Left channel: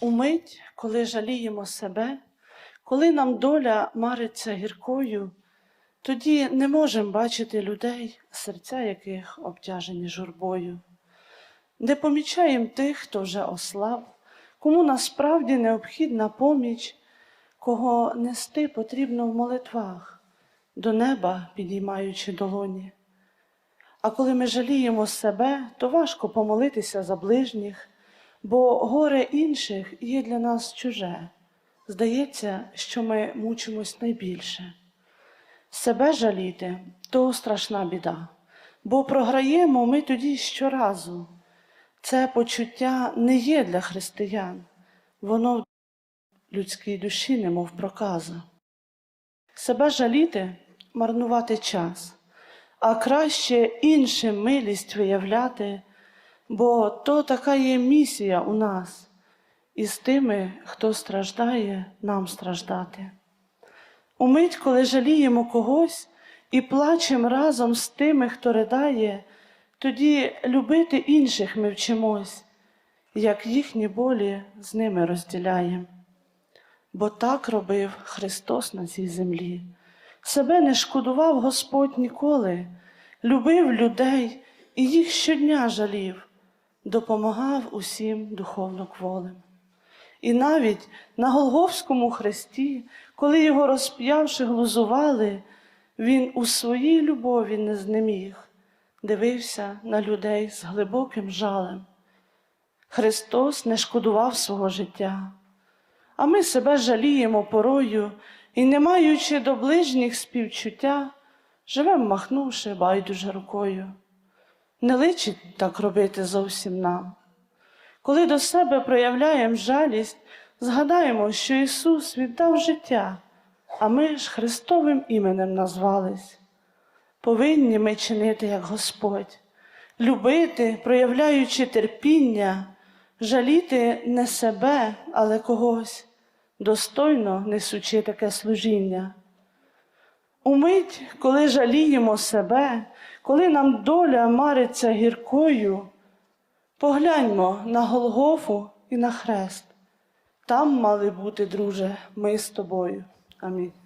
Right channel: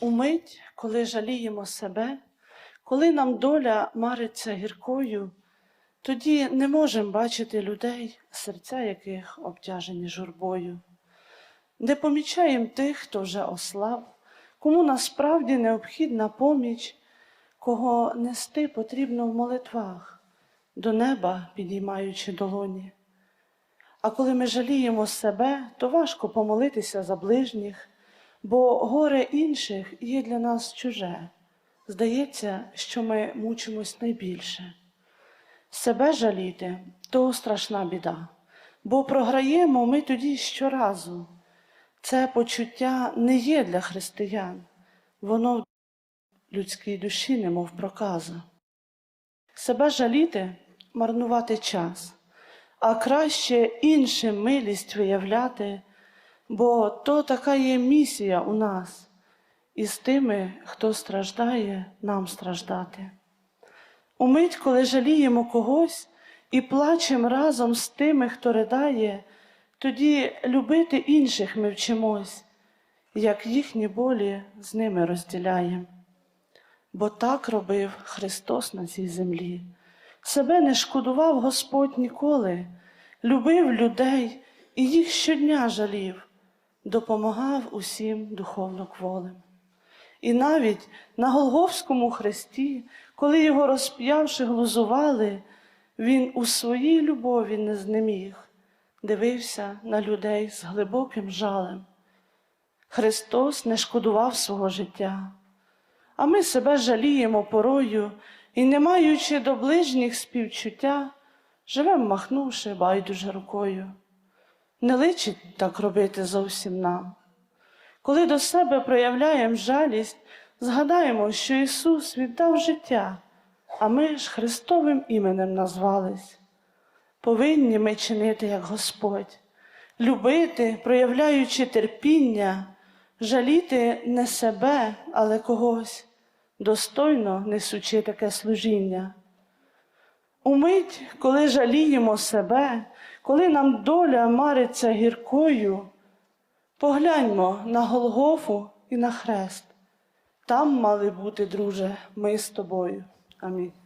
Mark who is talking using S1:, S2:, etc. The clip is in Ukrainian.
S1: Умить, коли жаліємо себе, коли нам доля мариться гіркою, тоді не можемо бачити людей, серця яких обтяжені журбою. Не помічаємо тих, хто вже ослаб, кому насправді необхідна поміч, кого нести потрібно в молитвах, до неба підіймаючи долоні. А коли ми жаліємо себе, то важко помолитися за ближніх, бо горе інших є для нас чуже. Здається, що ми мучимось найбільше. Себе жаліти то страшна біда, бо програємо ми тоді щоразу. Це почуття не є для християн, воно в людській душі немов проказа. Себе жаліти марнувати час, а краще іншим милість виявляти, бо то така є місія у нас, і з тими, хто страждає, нам страждати. Умить, коли жаліємо когось і плачемо разом з тими, хто ридає, тоді любити інших ми вчимось, як їхні болі з ними розділяємо. Бо так робив Христос на цій землі. Себе не шкодував Господь ніколи, любив людей і їх щодня жалів, допомагав усім духовно кволим. І навіть на Голговському хресті, коли його розп'явши глузували, він у своїй любові не знеміг, дивився на людей з глибоким жалем. Христос не шкодував свого життя, а ми себе жаліємо порою і, не маючи до ближніх співчуття, живем, махнувши байдуже рукою. Не личить так робити зовсім нам. Коли до себе проявляємо жалість, згадаємо, що Ісус віддав життя, а ми ж Христовим іменем назвались. Повинні ми чинити, як Господь, любити, проявляючи терпіння, жаліти не себе, але когось, достойно несучи таке служіння. Умить, коли жаліємо себе, коли нам доля мариться гіркою, погляньмо на Голгофу і на хрест. Там мали бути, друже, ми з тобою. Амінь.